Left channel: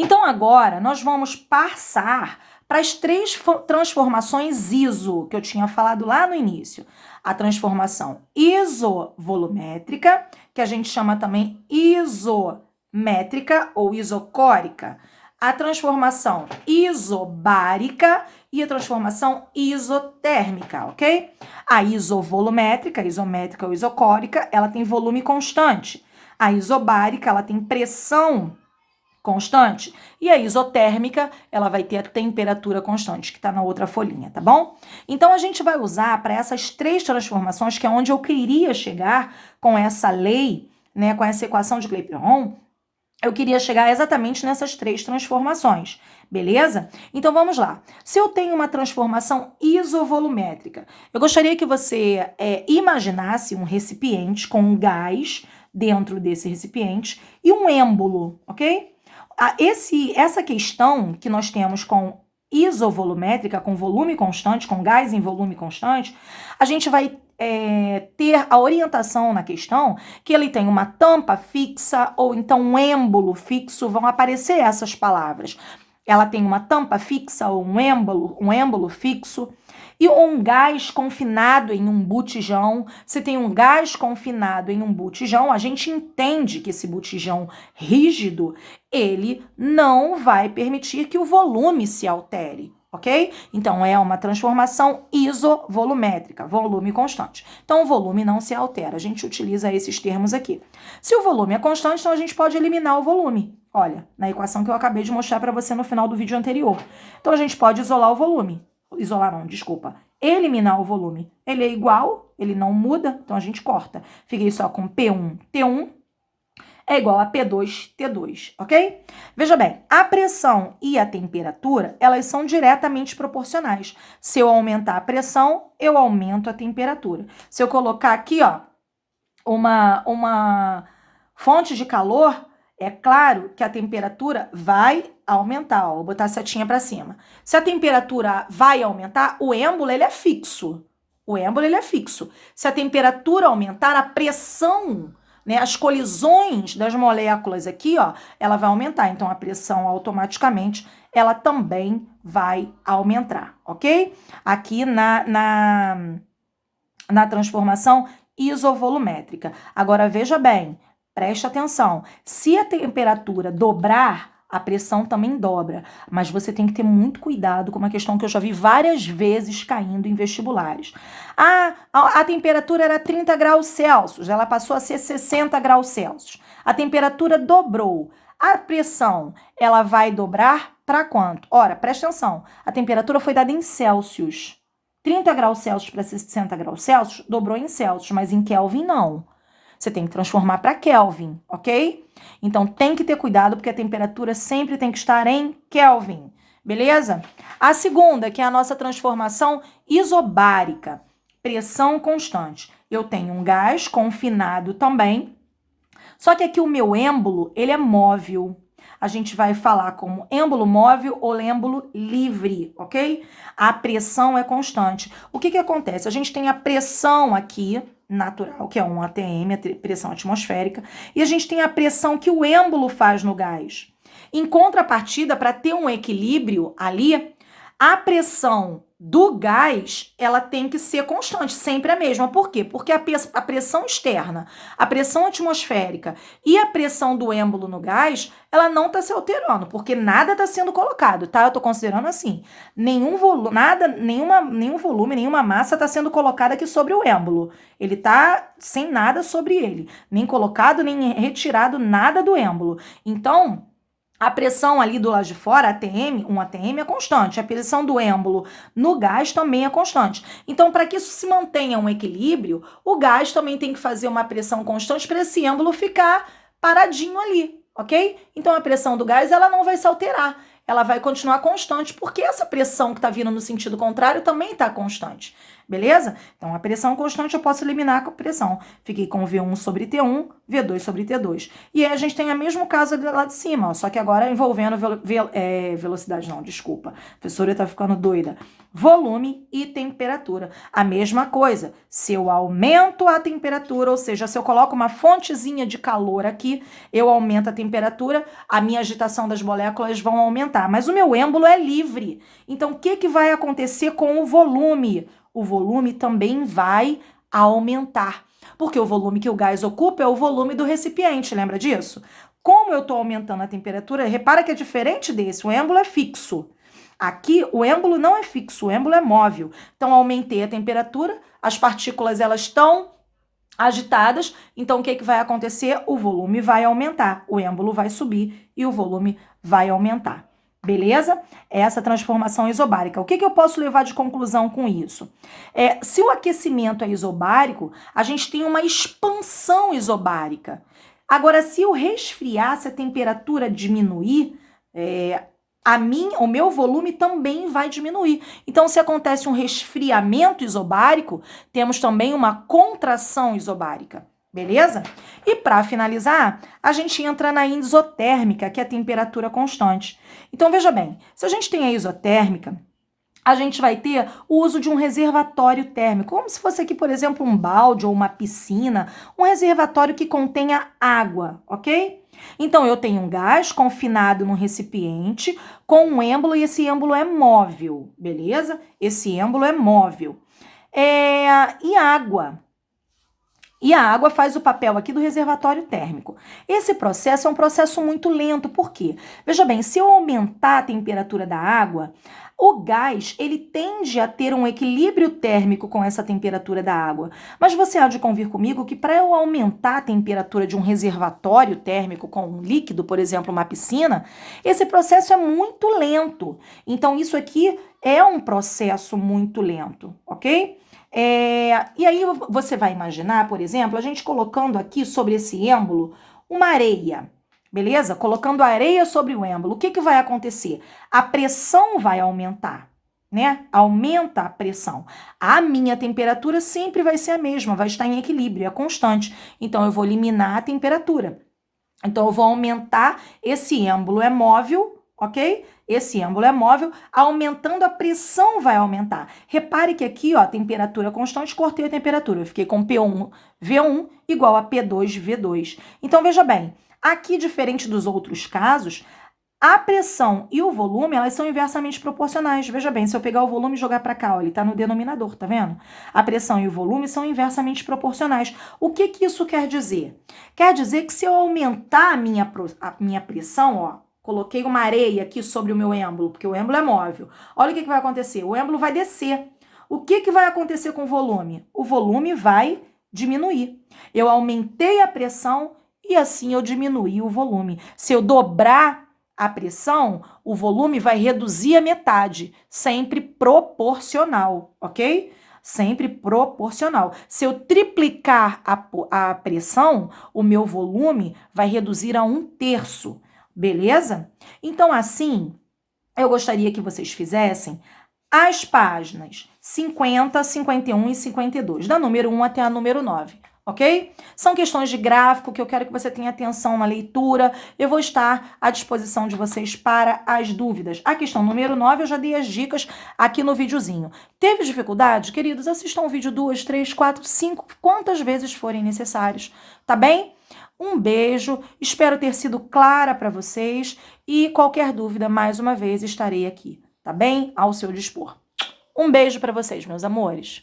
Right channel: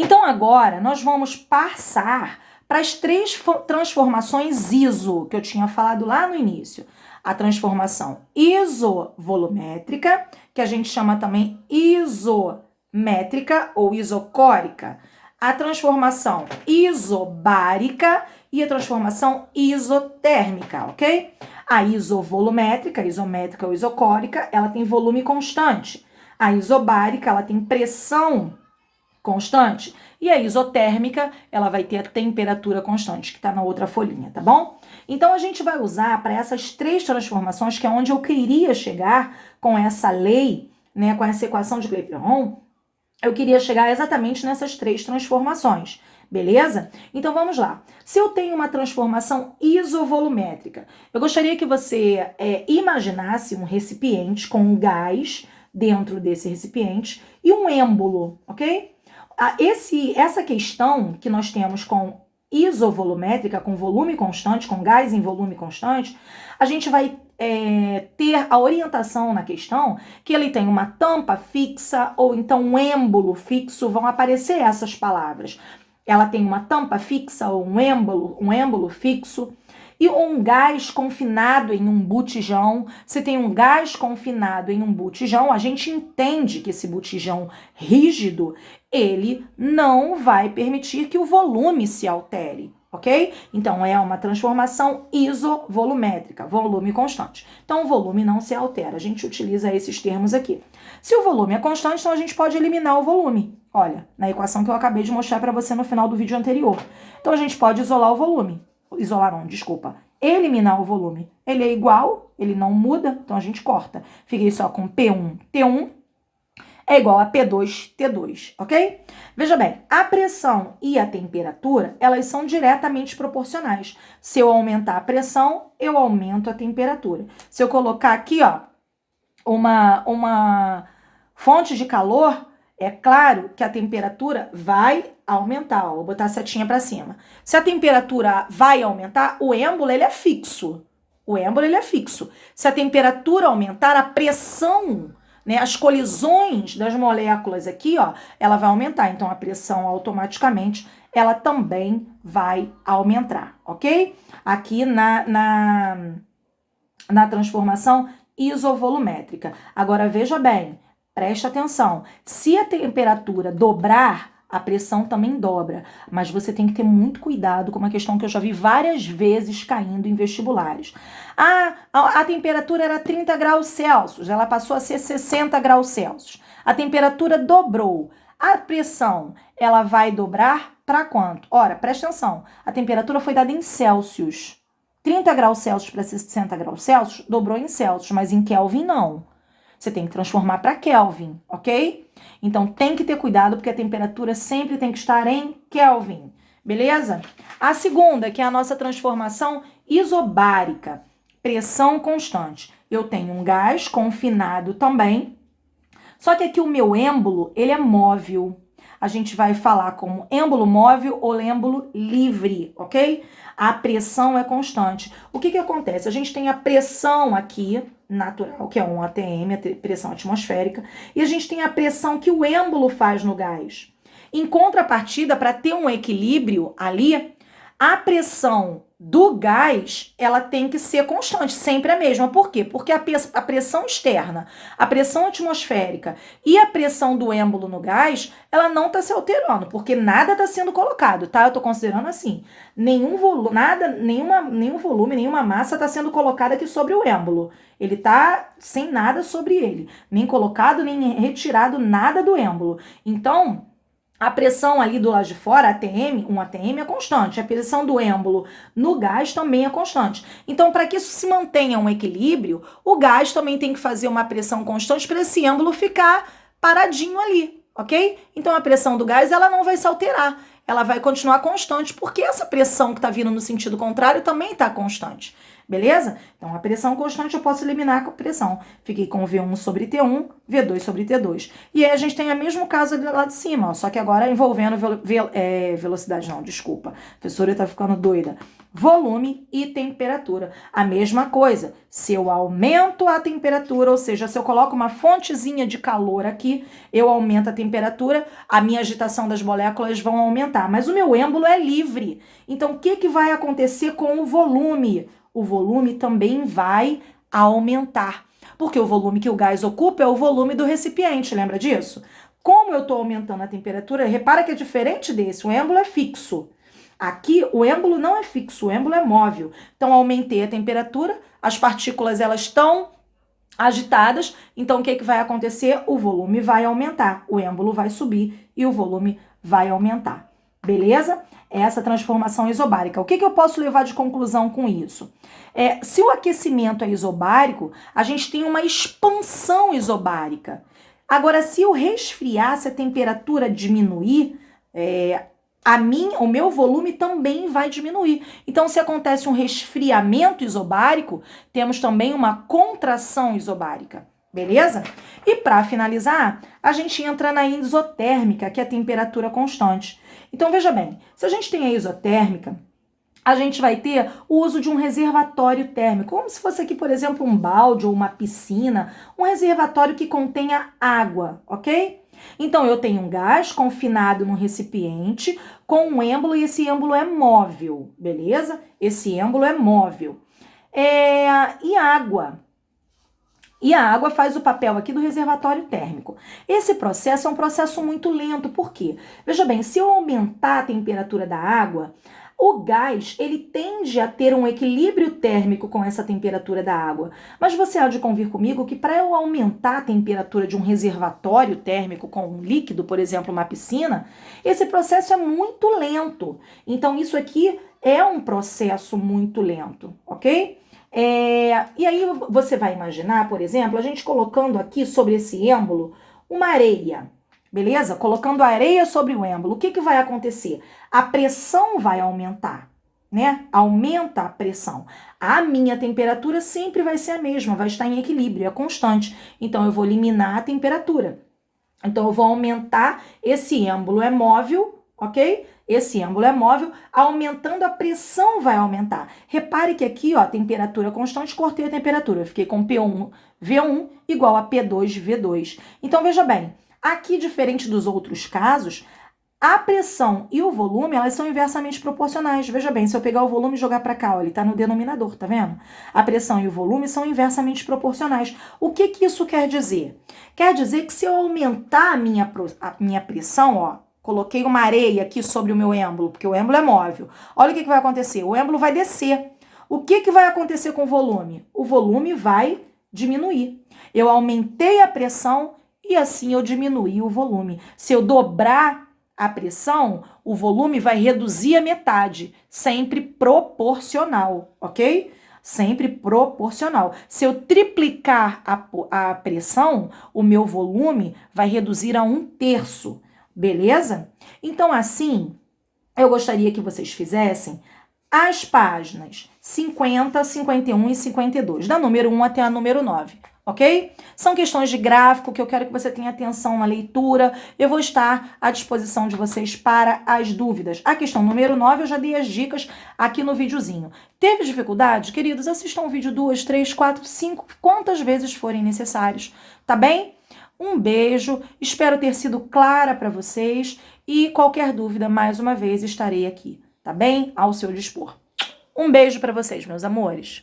Então agora nós vamos passar para as três transformações ISO que eu tinha falado lá no início. A transformação isovolumétrica, que a gente chama também isométrica ou isocórica. A transformação isobárica e a transformação isotérmica, ok? A isovolumétrica, isométrica ou isocórica, ela tem volume constante. A isobárica, ela tem pressão constante. E a isotérmica, ela vai ter a temperatura constante, que está na outra folhinha, tá bom? Então, a gente vai usar para essas três transformações, que é onde eu queria chegar com essa lei, né, com essa equação de Clapeyron, eu queria chegar exatamente nessas três transformações, beleza? Então, vamos lá. Se eu tenho uma transformação isovolumétrica, eu gostaria que você imaginasse um recipiente com um gás dentro desse recipiente e um êmbolo, ok? Essa questão que nós temos com isovolumétrica, com volume constante, com gás em volume constante, a gente vai ter a orientação na questão que ele tem uma tampa fixa ou então um êmbolo fixo, vão aparecer essas palavras. Ela tem uma tampa fixa ou um êmbolo fixo. E um gás confinado em um botijão. Se tem um gás confinado em um botijão, a gente entende que esse botijão rígido, ele não vai permitir que o volume se altere, ok? Então, é uma transformação isovolumétrica, volume constante. Então, o volume não se altera. A gente utiliza esses termos aqui. Se o volume é constante, então a gente pode eliminar o volume. Olha, na equação que eu acabei de mostrar para você no final do vídeo anterior. Então, a gente pode isolar o volume. Eliminar o volume. Ele é igual, ele não muda, então a gente corta. Fiquei só com P1, T1 é igual a P2, T2, ok? Veja bem, a pressão e a temperatura, elas são diretamente proporcionais. Se eu aumentar a pressão, eu aumento a temperatura. Se eu colocar aqui, ó, uma fonte de calor, é claro que a temperatura vai aumentar, ó, vou botar a setinha para cima. Se a temperatura vai aumentar, o êmbolo ele é fixo. Se a temperatura aumentar, a pressão, né, as colisões das moléculas aqui, ó, ela vai aumentar. Então, a pressão automaticamente, ela também vai aumentar, ok? Aqui na transformação isovolumétrica. Agora, veja bem, preste atenção. Se a temperatura dobrar, a pressão também dobra. Mas você tem que ter muito cuidado com uma questão que eu já vi várias vezes caindo em vestibulares. A temperatura era 30 graus Celsius, ela passou a ser 60 graus Celsius. A temperatura dobrou. A pressão, ela vai dobrar para quanto? Ora, preste atenção. A temperatura foi dada em Celsius. 30 graus Celsius para 60 graus Celsius dobrou em Celsius, mas em Kelvin não. Você tem que transformar para Kelvin, ok? Então, tem que ter cuidado, porque a temperatura sempre tem que estar em Kelvin, beleza? A segunda, que é a nossa transformação isobárica, pressão constante. Eu tenho um gás confinado também, só que aqui o meu êmbolo, ele é móvel. A gente vai falar como êmbolo móvel ou êmbolo livre, ok? A pressão é constante. O que acontece? A gente tem a pressão aqui, natural, que é um ATM, a pressão atmosférica, e a gente tem a pressão que o êmbolo faz no gás. Em contrapartida, para ter um equilíbrio ali, a pressão do gás, ela tem que ser constante, sempre a mesma. Por quê? Porque a pressão externa, a pressão atmosférica e a pressão do êmbolo no gás, ela não está se alterando, porque nada está sendo colocado, tá? Eu estou considerando assim, nenhum volume, nenhuma massa está sendo colocada aqui sobre o êmbolo. Ele está sem nada sobre ele, nem colocado, nem retirado nada do êmbolo. Então, a pressão ali do lado de fora, um ATM é constante. A pressão do êmbolo no gás também é constante. Então, para que isso se mantenha um equilíbrio, o gás também tem que fazer uma pressão constante para esse êmbolo ficar paradinho ali, ok? Então, a pressão do gás, ela não vai se alterar. Ela vai continuar constante, porque essa pressão que está vindo no sentido contrário também está constante. Beleza? Então, a pressão constante eu posso eliminar com a pressão. Fiquei com V1 sobre T1, V2 sobre T2. E aí a gente tem o mesmo caso ali lá de cima, ó, só que agora envolvendo velocidade, não, desculpa. A professora tá ficando doida. Volume e temperatura. A mesma coisa. Se eu aumento a temperatura, ou seja, se eu coloco uma fontezinha de calor aqui, eu aumento a temperatura, a minha agitação das moléculas vão aumentar. Mas o meu êmbolo é livre. Então, o que vai acontecer com o volume? O volume também vai aumentar. Porque o volume que o gás ocupa é o volume do recipiente, lembra disso? Como eu estou aumentando a temperatura, repara que é diferente desse, o êmbolo é fixo. Aqui, o êmbolo não é fixo, o êmbolo é móvel. Então, aumentei a temperatura, as partículas elas estão agitadas, então o que vai acontecer? O volume vai aumentar, o êmbolo vai subir e o volume vai aumentar. Beleza? Essa transformação isobárica. O que eu posso levar de conclusão com isso? Se o aquecimento é isobárico, a gente tem uma expansão isobárica. Agora, se eu resfriar, se a temperatura diminuir, o meu volume também vai diminuir. Então, se acontece um resfriamento isobárico, temos também uma contração isobárica, beleza? E para finalizar, a gente entra na isotérmica, que é a temperatura constante. Então, veja bem, se a gente tem a isotérmica, a gente vai ter o uso de um reservatório térmico, como se fosse aqui, por exemplo, um balde ou uma piscina, um reservatório que contenha água, ok? Então, eu tenho um gás confinado num recipiente com um êmbolo e esse êmbolo é móvel, beleza? Esse êmbolo é móvel. E água. E a água faz o papel aqui do reservatório térmico. Esse processo é um processo muito lento, por quê? Veja bem, se eu aumentar a temperatura da água, o gás, ele tende a ter um equilíbrio térmico com essa temperatura da água. Mas você há de convir comigo que para eu aumentar a temperatura de um reservatório térmico com um líquido, por exemplo, uma piscina, esse processo é muito lento. Então, isso aqui é um processo muito lento, ok? E aí você vai imaginar, por exemplo, a gente colocando aqui sobre esse êmbolo uma areia. Beleza? Colocando areia sobre o êmbolo, o que vai acontecer? A pressão vai aumentar, né? Aumenta a pressão. A minha temperatura sempre vai ser a mesma, vai estar em equilíbrio, é constante. Então, eu vou eliminar a temperatura. Então, eu vou aumentar, esse êmbolo é móvel, ok? Esse êmbolo é móvel, aumentando a pressão vai aumentar. Repare que aqui, ó, temperatura constante, cortei a temperatura. Eu fiquei com P1, V1 igual a P2, V2. Então, veja bem, aqui, diferente dos outros casos, a pressão e o volume, elas são inversamente proporcionais. Veja bem, se eu pegar o volume e jogar para cá, ó, ele está no denominador, tá vendo? A pressão e o volume são inversamente proporcionais. O que isso quer dizer? Quer dizer que se eu aumentar a minha pressão, ó, coloquei uma areia aqui sobre o meu êmbolo, porque o êmbolo é móvel. Olha o que vai acontecer. O êmbolo vai descer. O que vai acontecer com o volume? O volume vai diminuir. Eu aumentei a pressão e assim eu diminuí o volume. Se eu dobrar a pressão, o volume vai reduzir a metade, sempre proporcional, ok? Sempre proporcional. Se eu triplicar a pressão, o meu volume vai reduzir a 1/3. Beleza? Então, assim, eu gostaria que vocês fizessem as páginas 50, 51 e 52, da número 1 até a número 9, ok? São questões de gráfico que eu quero que você tenha atenção na leitura. Eu vou estar à disposição de vocês para as dúvidas. A questão número 9, eu já dei as dicas aqui no videozinho. Teve dificuldade? Queridos, assistam o vídeo 2, 3, 4, 5, quantas vezes forem necessários, tá bem? Um beijo, espero ter sido clara para vocês e qualquer dúvida, mais uma vez, estarei aqui, tá bem? Ao seu dispor. Um beijo para vocês, meus amores.